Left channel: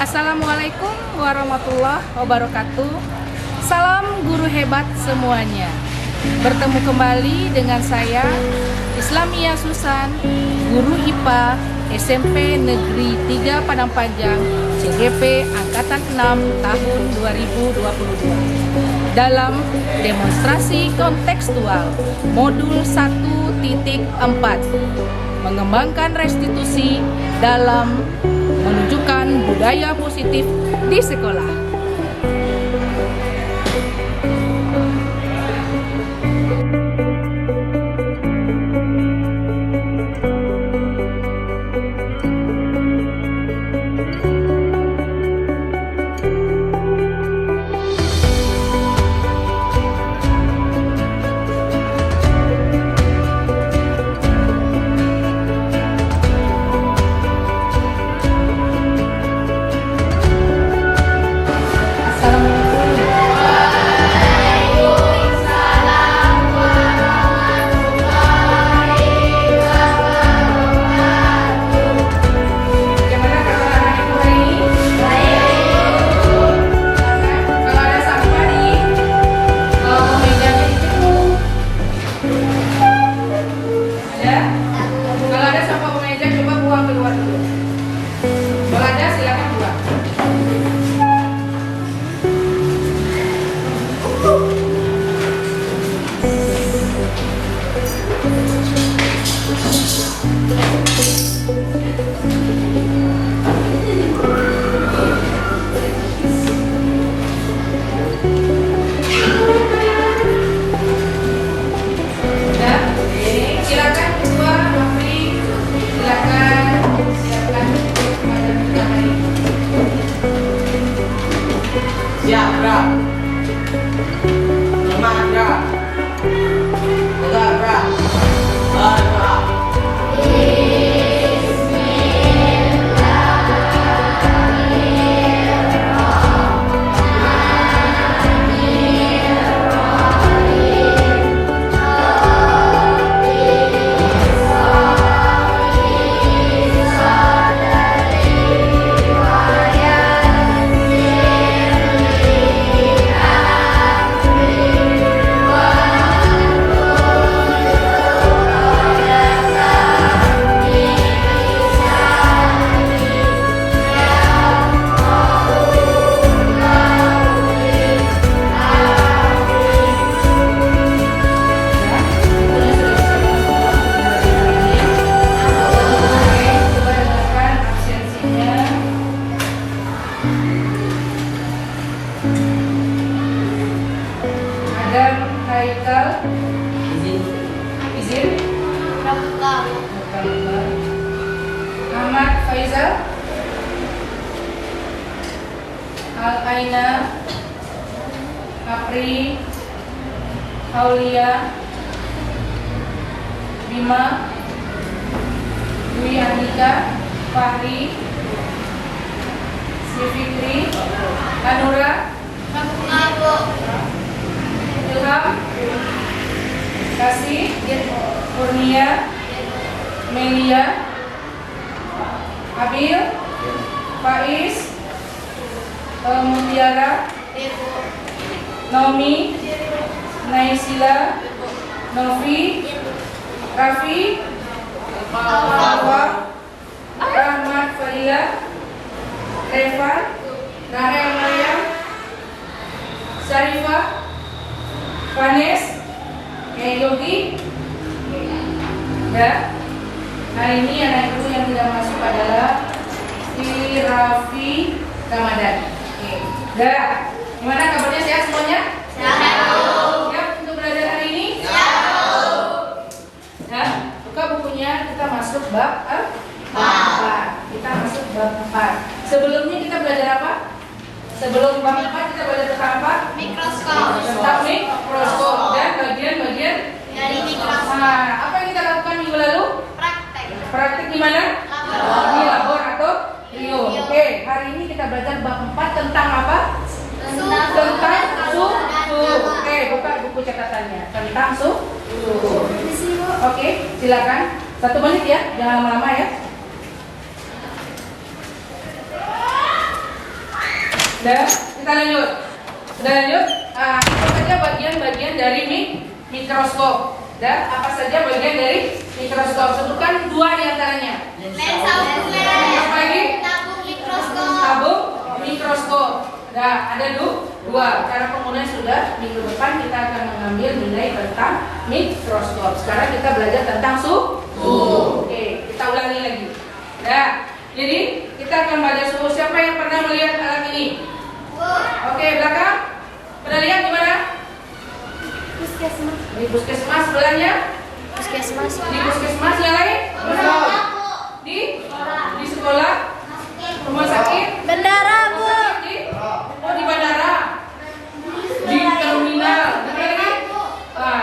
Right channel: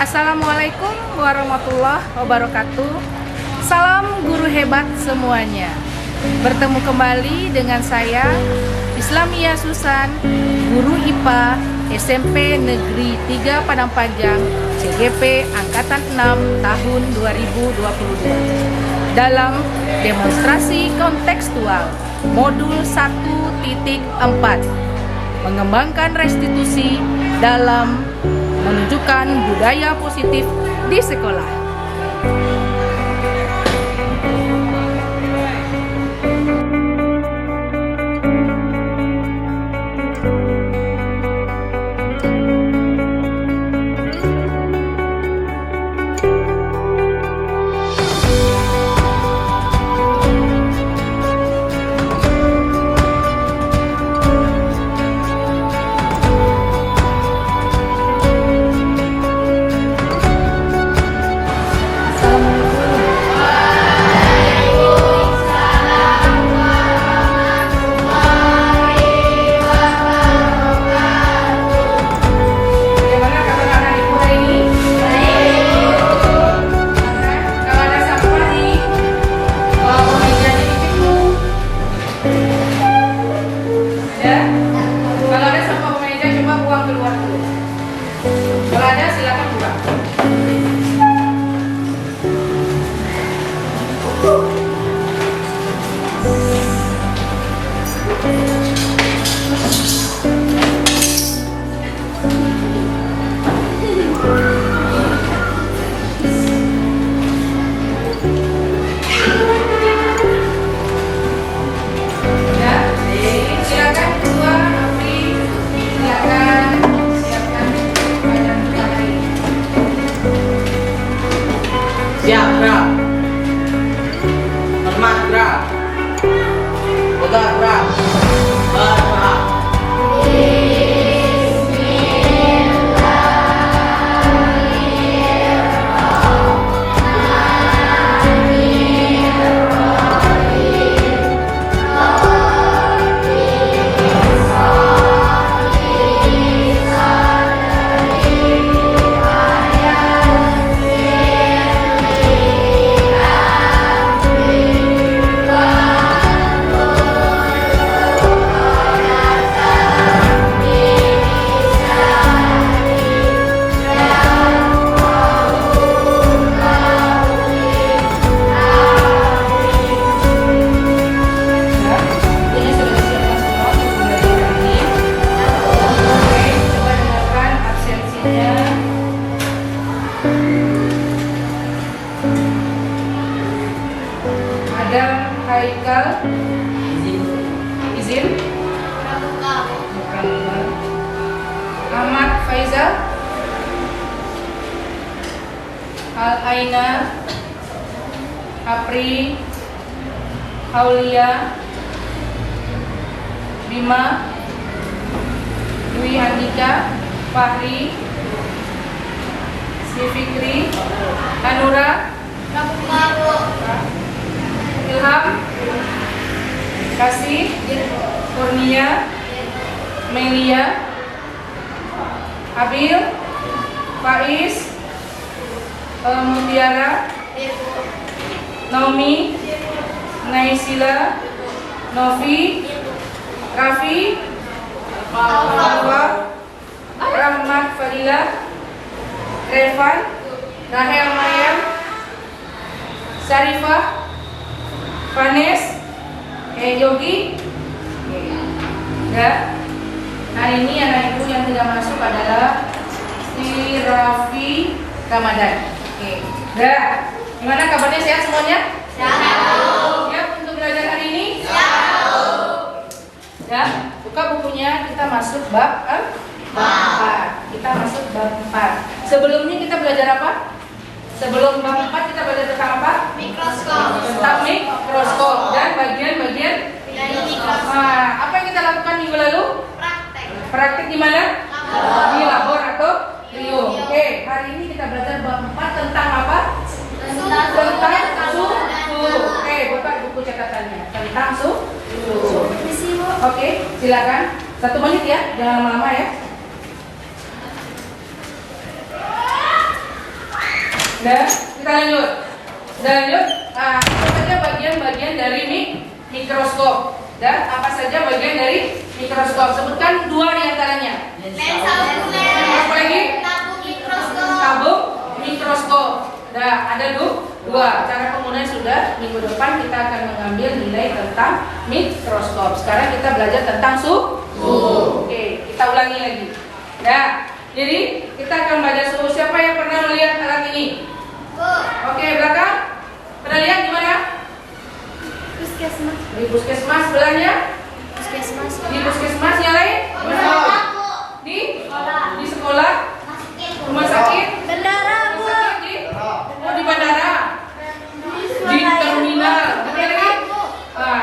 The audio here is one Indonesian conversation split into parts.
Assalamualaikum warahmatullahi wabarakatuh. Salam guru hebat semuanya. Bertemu kembali dengan saya Islamia Susan, guru IPA SMP Negeri 3 Padang Panjang CGP Angkatan 6 tahun 2022 dalam demonstrasi kontekstual modul 1.4 mengembangkan restitusi dalam menunjukkan budaya positif di sekolah. Kalau ada silakan buang. Gerak, lemah gerak, pegang gerak, bergerak. Adam Haikal izin Ahmad Faizal Al Aina Apri Aulia Bima Dwi Andika Fahri Fikri Anura Ilham Kasih Kurnia Melia Abil Faiz Mutiara Naomi Naisila Novi Raffi Alwa Rahmat Fadila Revan Rahel Maryam Sarifah Vanes, Yogi, ya. Hari ini anak ibu yang sudah masuk adalah si Raffi Ramadan. Ya. Gimana kabarnya, sehat semuanya? Sehat. Ya, untuk belajar hari ini? Sehat. Ya, buka bukunya, kita masuk bab 4. Kita masuk bab 4. Sebelumnya kita belajar apa? Sebelum bab 4 kita belajar tentang apa? Mikroskop. Tentang mikroskop dan bagian-bagian dari mikroskop. Nah, apa yang kita lakukan minggu lalu? Praktek. Praktek di mana? Di laboratorium. Oke, hari ini kita belajar bab 4 tentang apa? Tentang suhu. Oke, buka buku catatannya. Tentang suhu. Oke, silakan. 1 menit ya, jangan lama-lama ya. Udah, kita lanjut. Apa saja bagian-bagian dari mikroskop? Dan apa saja bagian dari mikroskop? Sebutkan 2 di antaranya. Lensa ukuler. Apa lagi? Tabung mikroskop. Tabung mikroskop. Nah, ada 2. Cara penggunaan sudah. Minggu depan kita akan mengambil nilai tentang mikroskop. Sekarang kita belajar tentang suhu. Oke, kita ulangi lagi. Ya, jadi kita akan belajar suhu. Siapa yang pernah melihat alat ini? Oke, belakang. Pernah lihat di mana? Puskesmas. Di puskesmas sebelahnya. Puskesmas. Di puskesmas yang lain? Di sekolah. Rumah sakit. Bendara, Bu. Di bandara. Di terminal. Di mana lagi?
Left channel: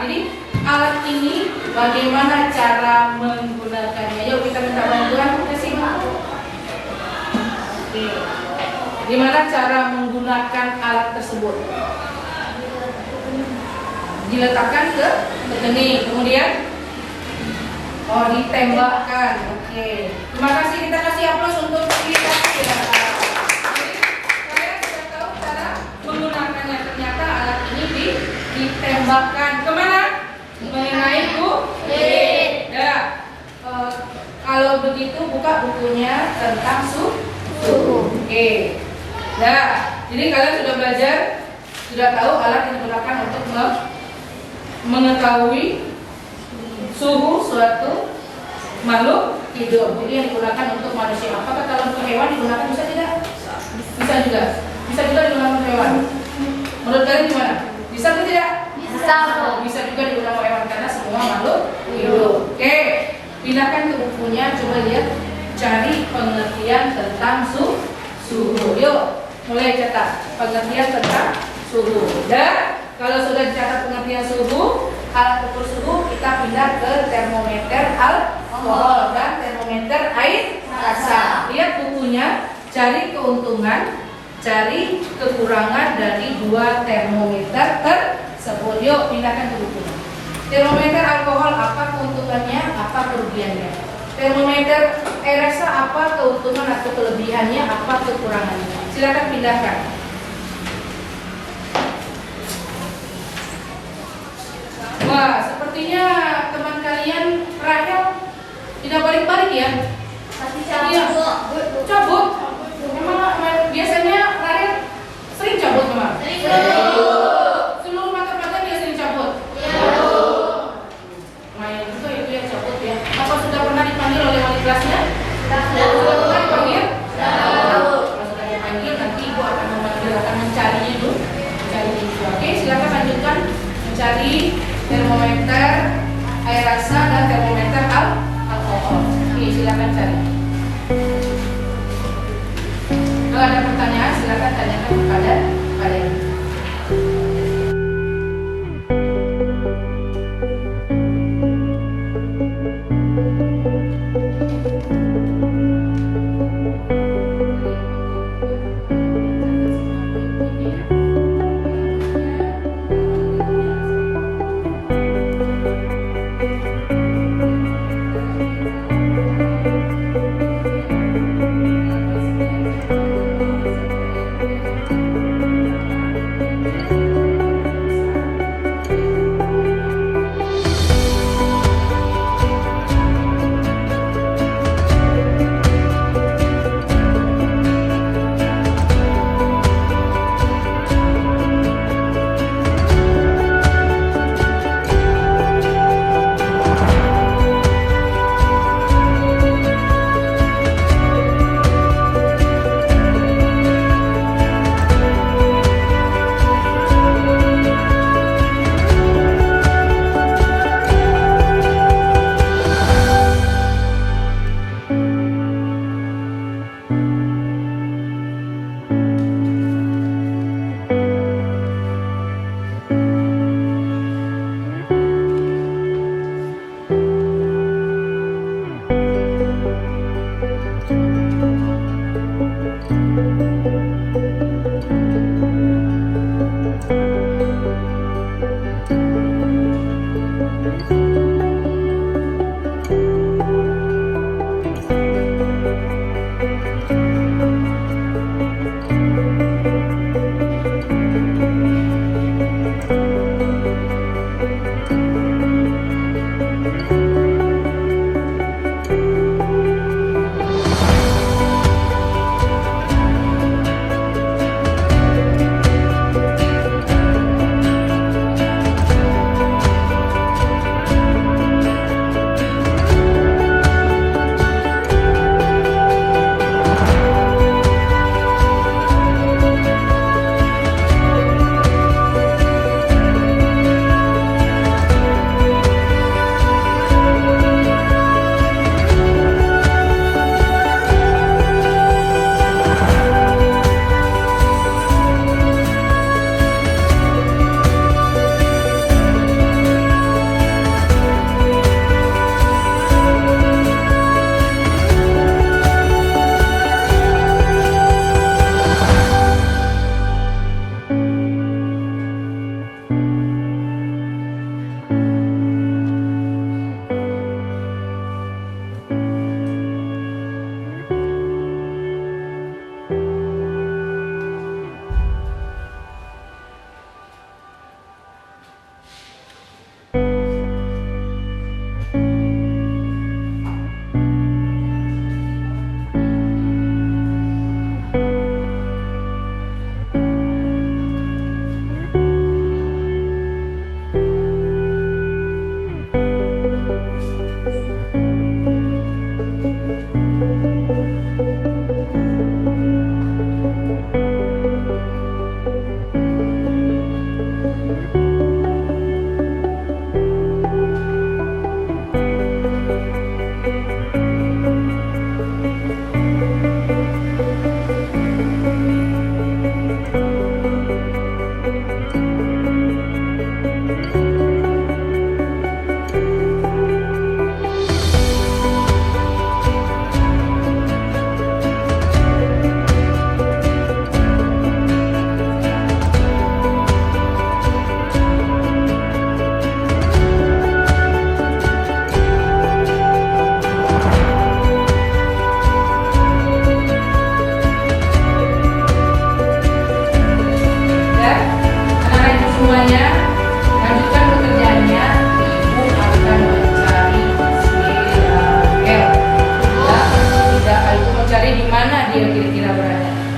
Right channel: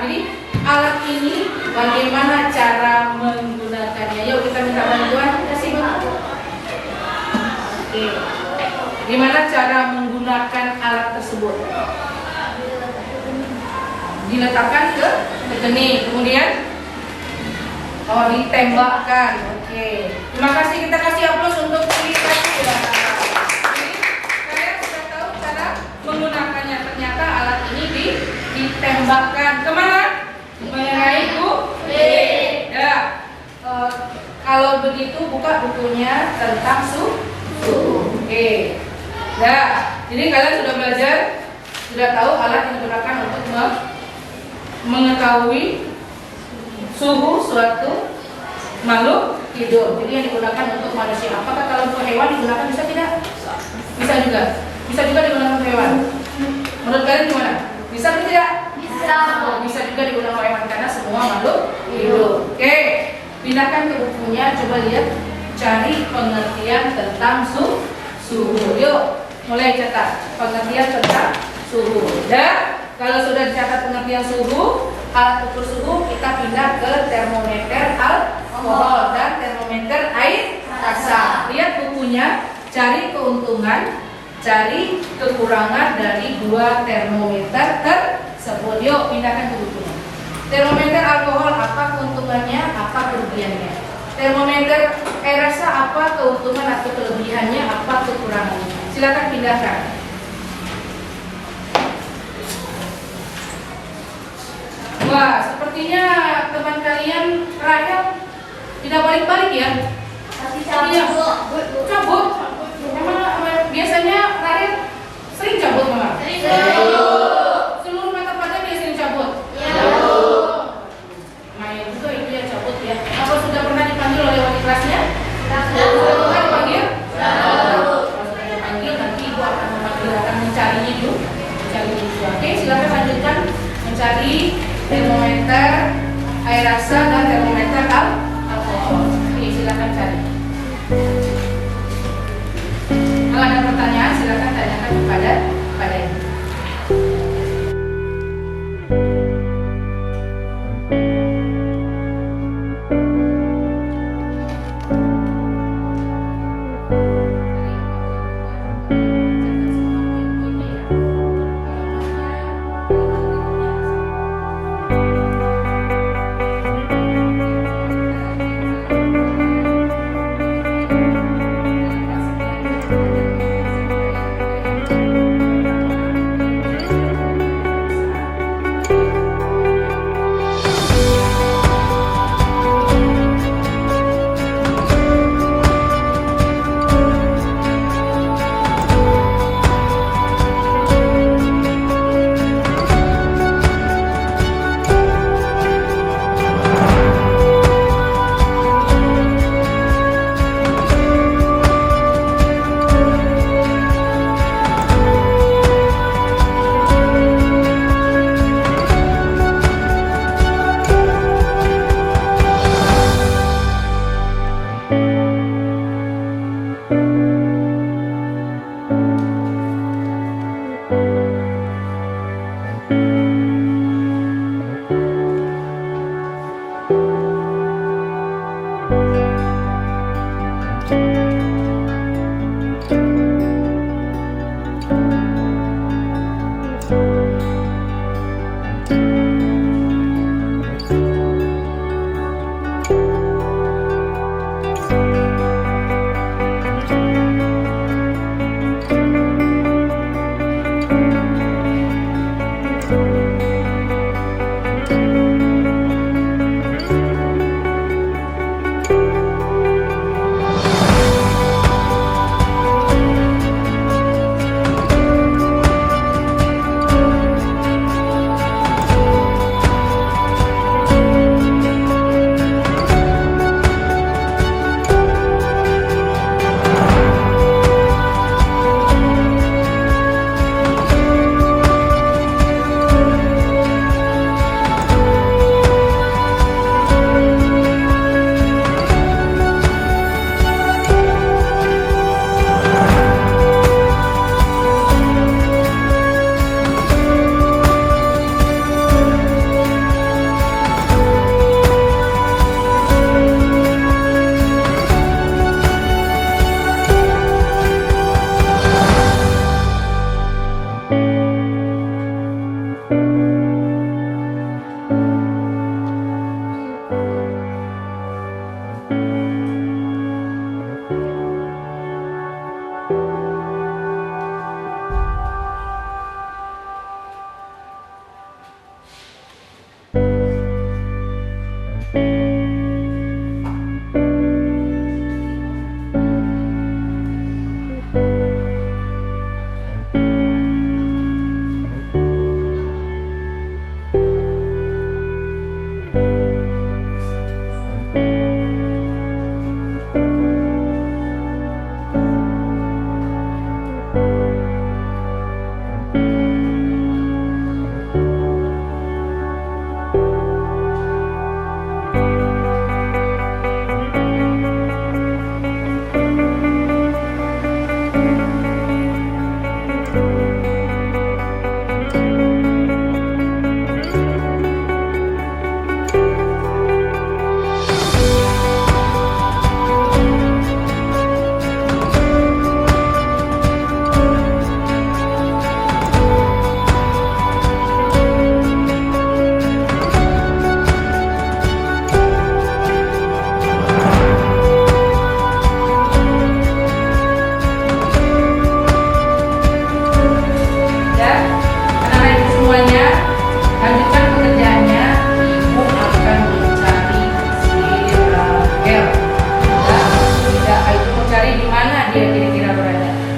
Jadi alat ini bagaimana cara menggunakannya? Yuk kita minta bantuan. Kasih Pak. Oke. Gimana cara menggunakan alat tersebut? Diletakkan ke kening, kemudian ditembakkan. Oke. Terima kasih, kita kasih aplaus untuk si kasih. Jadi kalian sudah tahu cara menggunakannya. Ternyata alat ini ditembakkan kemana? Mengenai kulit. Ya. Kalau begitu buka bukunya tentang suhu. Oke. Ya. Jadi kalian sudah belajar, sudah tahu alat yang digunakan untuk mengetahui suhu suatu makhluk hidup. Jadi yang digunakan untuk manusia. Apakah kalau untuk hewan digunakan bisa tidak? Bisa juga. Bisa juga digunakan untuk hewan. Menurut kalian gimana? Bisa atau tidak? Bisa. Bisa juga digunakan untuk hewan karena semua makhluk hidup. Oke. Pindahkan ke bukunya. Coba lihat. Cari pengertian tentang suhu. Yuk. Mulai catat pengertian tentang suhu. Dan kalau sudah dicatat pengertian suhu, alat ukur suhu, kita pindah ke termometer alkohol dan termometer air rasa. Lihat bukunya, cari keuntungan, cari kekurangan dari 2 termometer tersebut. Yuk pindahkan ke bukunya. Termometer alkohol, apa keuntungannya, apa kerugiannya? Termometer air rasa, apa keuntungan atau kelebihannya, apa kekurangannya? Silakan pindahkan. Wah, sepertinya teman kalian Rahel tidak balik-balik ya? Iya, cabut. Memang biasanya Rahel sering cabut memang. Seluruh mata pelajaran dia sering cabut. Main itu ya cabut ya. Apa sudah pernah dipanggil oleh wali kelasnya? Sudah pernah dipanggil? Kalau sudah dipanggil, nanti ibu akan mencarinya dulu. Oke, silakan lanjutkan mencari termometer air rasa dan termometer alkohol. Oke, silakan cari. Kalau ada pertanyaan silakan tanyakan kepada ibu.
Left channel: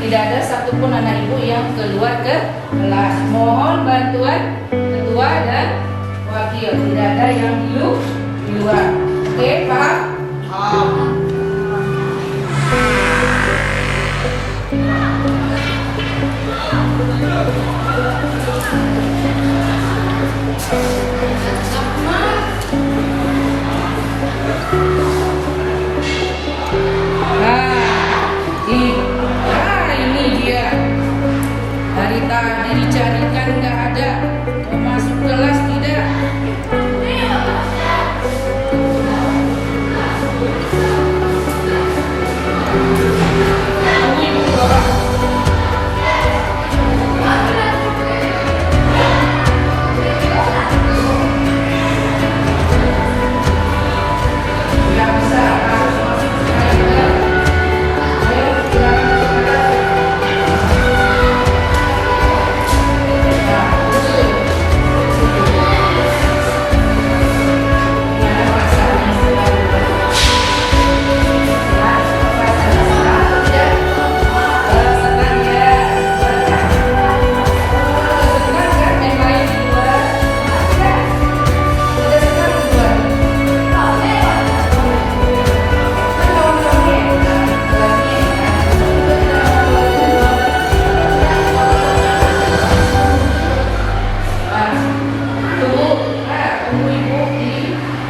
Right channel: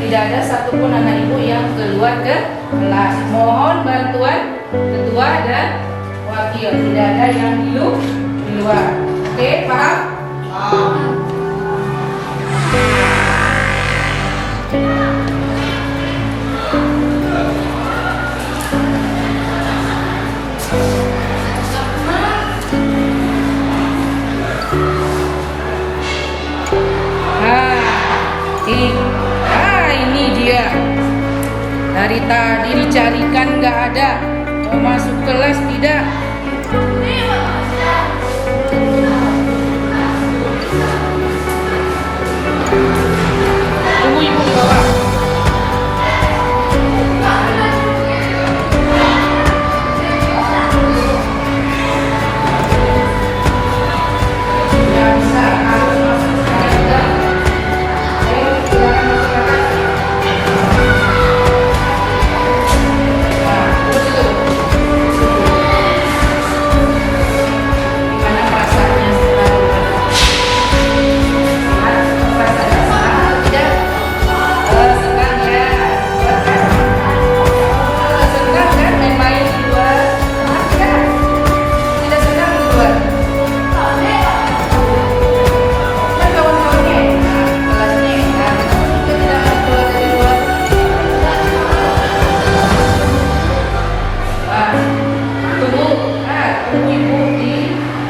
tidak ada satupun anak ibu yang keluar ke kelas. Mohon bantuan ketua dan wakil. Tidak ada yang di luar. Oke, paham? Ini dia. Dari tadi dicarikan nggak ada. Mau masuk kelas tidak? Tunggu ibu di bawah. Yang bisa masuk ayo silakan masuk ke atas. Gimana perasaannya setelah lulus? Senang? Perasaannya senang atau tidak? Senang ya. Senang kan main-main di luar? Senang tidak? Tidak senang di luar? Kan kawan-kawannya enak, kelasnya enak. Juga tidak mau keluar dari luar. Wah, tunggu ibu di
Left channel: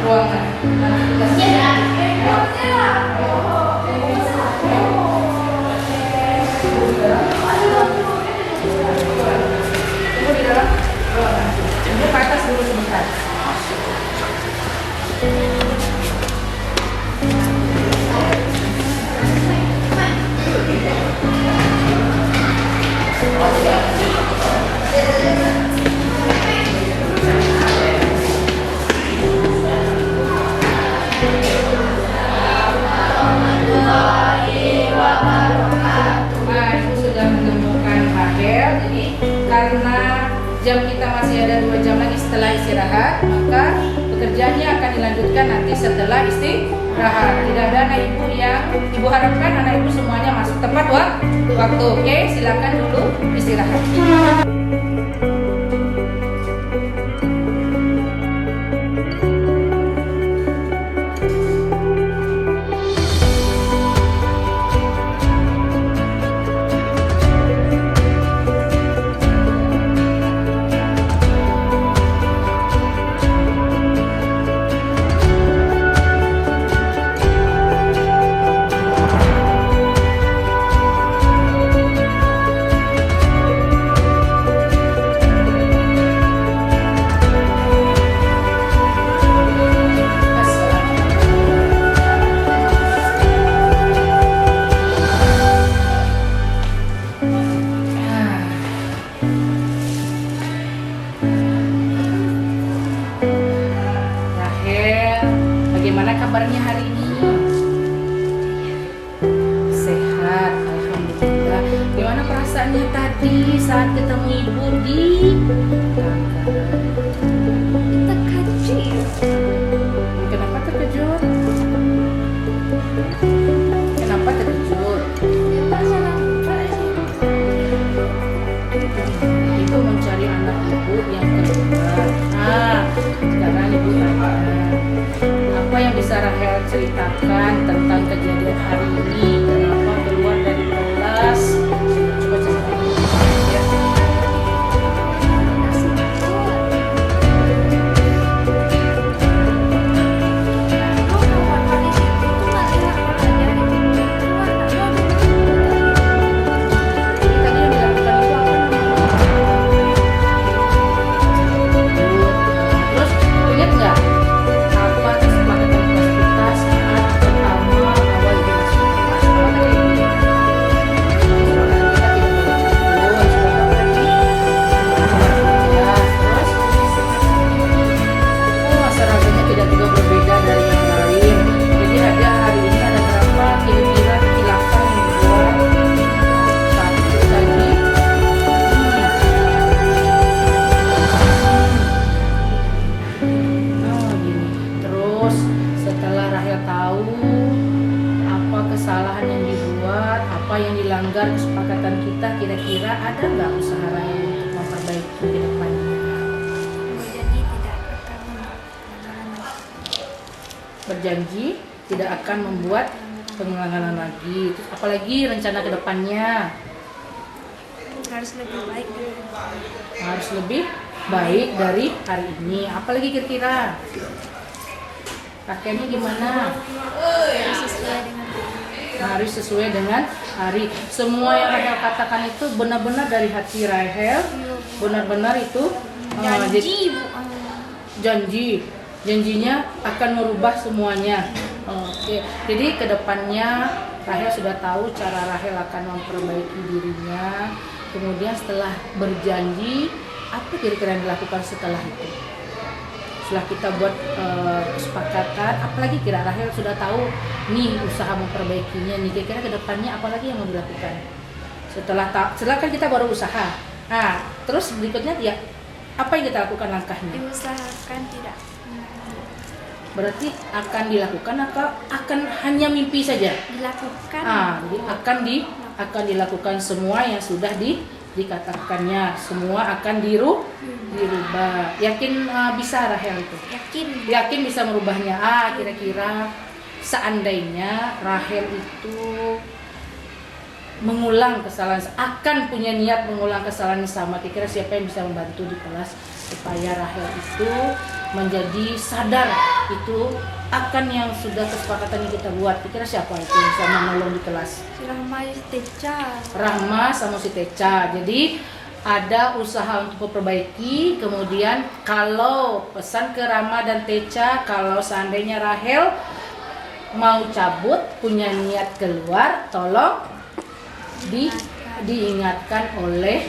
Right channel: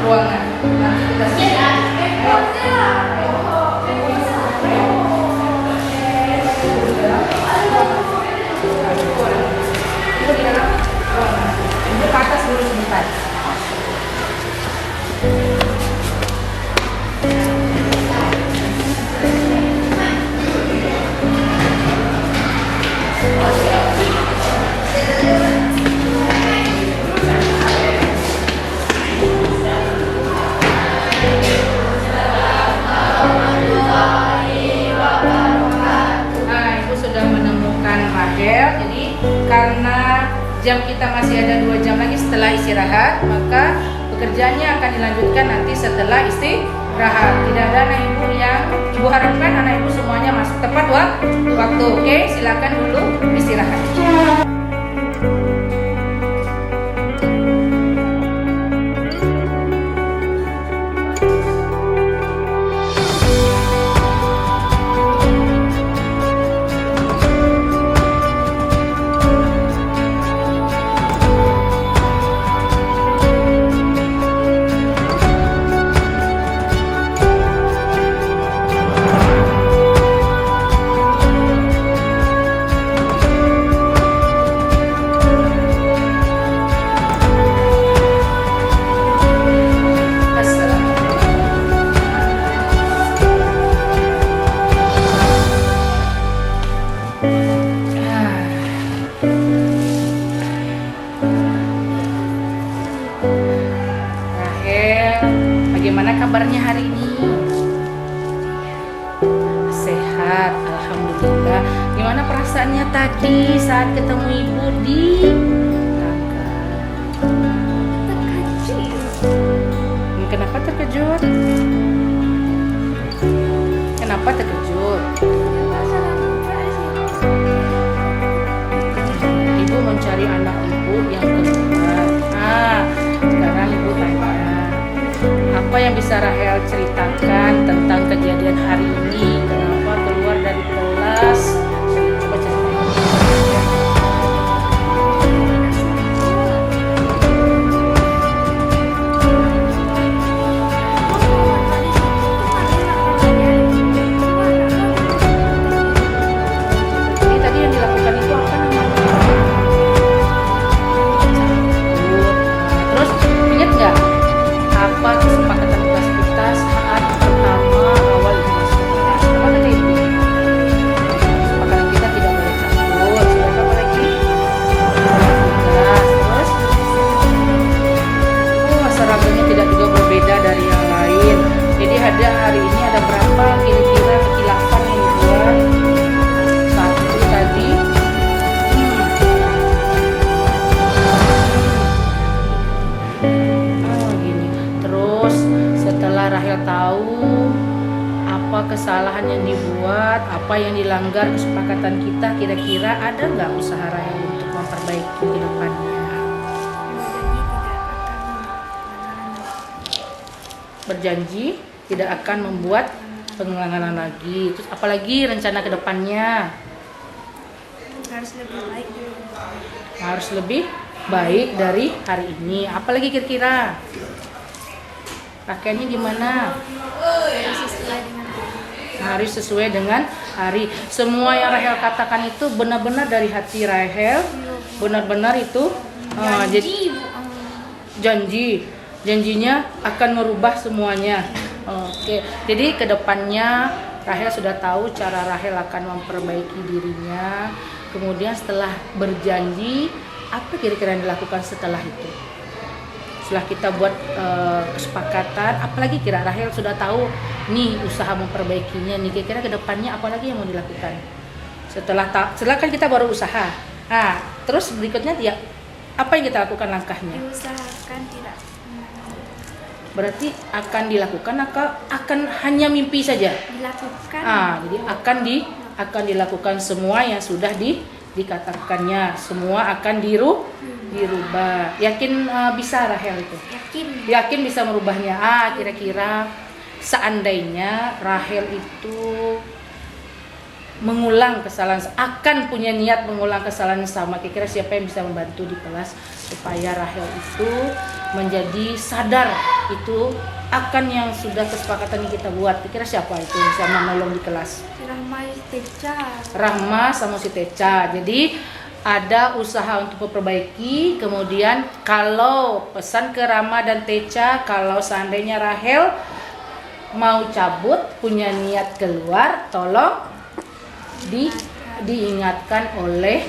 ruangan. Nanti kita selesai. Ayo. Tunggu ibu. Ibu di dalam. Ibu di dalam ruangan. Ibu ke atas dulu sebentar. Ibu sudah menemukan Rahel. Jadi karena jam kita masih ada 2 jam lagi setelah istirahat, maka pekerjaannya akan dilanjutkan nanti setelah istirahat. Tidak ada anak ibu yang ibu harapkan anak ibu semuanya masuk tepat waktu. Oke, silakan dulu istirahat. Rahel, bagaimana kabarnya hari ini? Sehat, alhamdulillah. Gimana perasaannya tadi saat ketemu ibu di tangga? Kenapa terkejut? Kenapa terkejut? Ibu mencari anak ibu yang keluar. Sekarang ibu tanya, apa yang bisa Rahel ceritakan tentang kejadian hari ini? Kenapa keluar dari kelas? Coba ceritain. Ya. Jadi tadi yang dilakukan itu apa namanya? Terus ingat nggak apa kesepakatan kelas kita saat pertama awal ibu masuk kelas? Apa kata ibu? melanggar kesepakatan kita, kira-kira ada nggak usaha Rahel untuk memperbaiki ke depannya? Berjanji tidak akan Berjanji tidak akan membuat membuat pengulangan lagi. Terus apalagi rencana ke depannya? harus lebih baik dari Harus lebih baik dari hari ini. Apalagi kira-kira? Pakaiannya gimana? harus sesuai dengan Harus sesuai dengan hari. Semua yang Rahel katakan itu benar-benar dari hati Rahel. Benar-benar itu janji Bu. janjinya akan merubah semuanya. Oke, jadi kedepannya Rahel sudah tahu cara Rahel akan memperbaiki dirinya. Kemudian setelah berjanji, apa kira-kira yang dilakukan setelah itu? Setelah kita buat kesepakatan, apalagi kira Rahel sudah tahu nih usaha memperbaikinya nih, kira-kira kedepannya apalagi yang mau dilakukan? Setelah kan kita baru usaha. Nah, terus berikutnya ya apa yang kita lakukan langkahnya? Diusahakan tidak Berarti akan dilakukan atau akan hanya mimpi saja? dilakukan. Jadi akan dilakukan semua yang sudah dikatakannya, semua akan dirubah. Yakin bisa Rahel itu? Yakin bisa merubahnya. Kira-kira seandainya Rahel itu mengulang kesalahan, akan punya niat mengulang kesalahan sama, kira-kira siapa yang bisa membantu di kelas supaya Rahel itu menjadi sadar itu akan yang sudah kesepakatan yang kita buat? Kira-kira siapa itu yang bisa menolong di kelas? Rahma sama si Teca. Jadi ada usaha untuk memperbaiki. Kemudian kalau pesan ke Rahma dan Teca, kalau seandainya Rahel mau cabut, punya niat keluar, tolong diingatkan oleh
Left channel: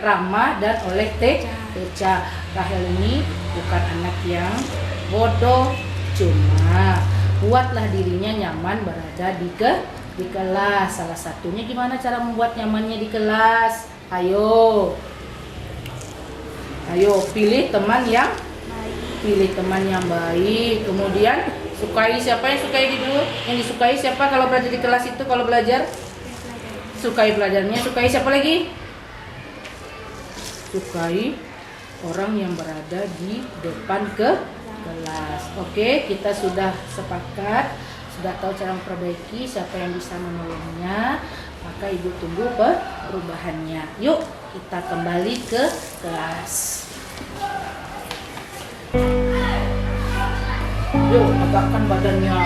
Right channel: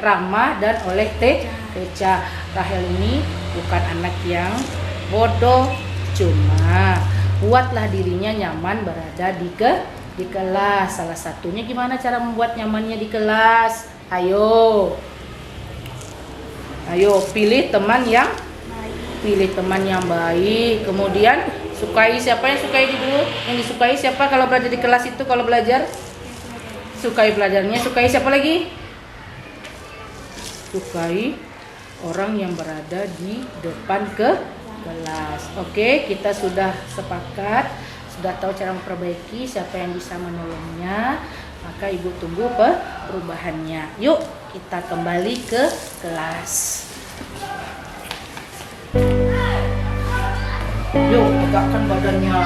Rahma dan oleh Teca. Rahel ini bukan anak yang bodoh, cuma buatlah dirinya nyaman berada di kelas. Salah satunya gimana cara membuat nyamannya di kelas? Ayo pilih teman yang baik. Kemudian sukai siapa yang sukai dulu? Yang disukai siapa kalau belajar di kelas itu? Kalau belajar sukai belajarnya. Sukai siapa lagi? Sukai orang yang berada di depan kelas. Oke, kita sudah sepakat, sudah tahu cara memperbaiki, siapa yang bisa menolongnya. Maka ibu tunggu perubahannya. Yuk kita kembali ke kelas. Yuk tegakkan badannya.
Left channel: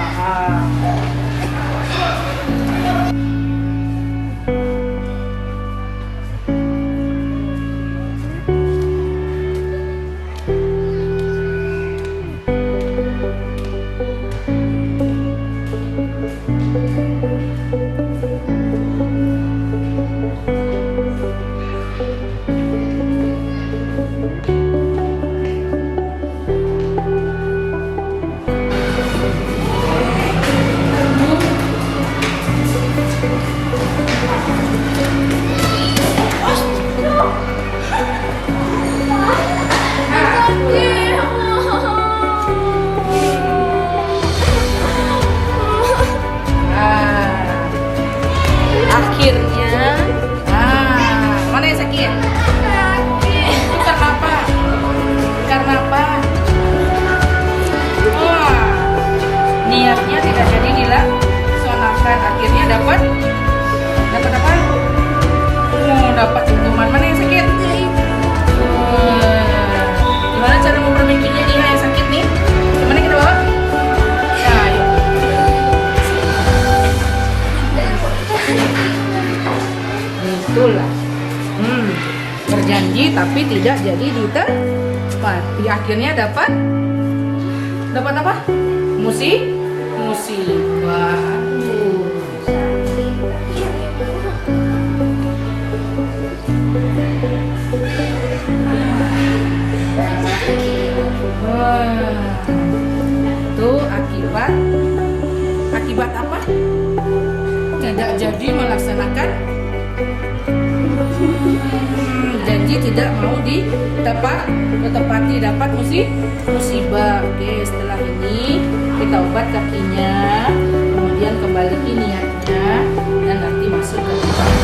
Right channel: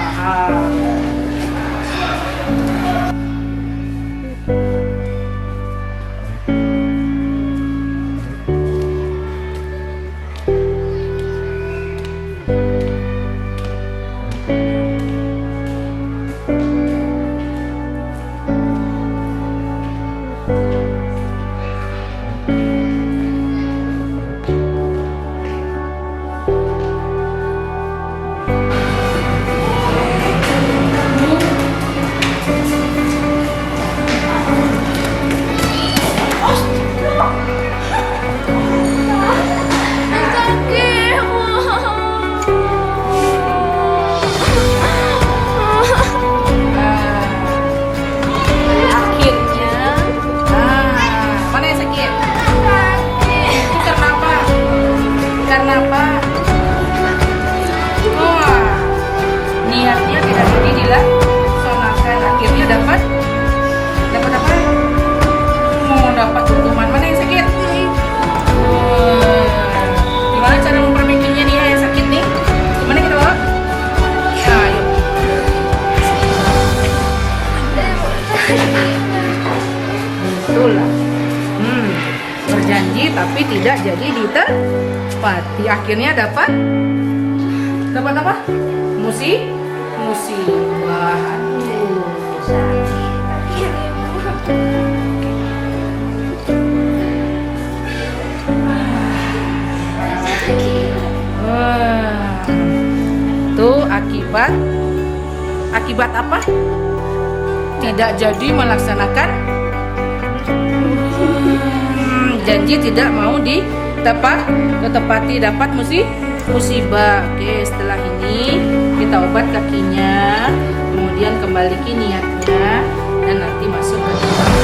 Niatnya tidak jadi dilaksanakan, akhirnya dapat apa? Dapat hukuman. Mana yang sakit? Gimana cara memperbaikinya nih yang sakit nih? Gimana kita bawa? Nah, yuk. Itulah. Berjanji tapi tidak jadi ditepati. Akhirnya dapat apa? Musibah. Tuh akibat apa? Tidak jadi melaksanakan janji, tidak mau ditepati, dapat musibah. Oke, setelah ini kita obat kakinya, kemudian kembalikan niatnya. dan nanti masuk ke tempat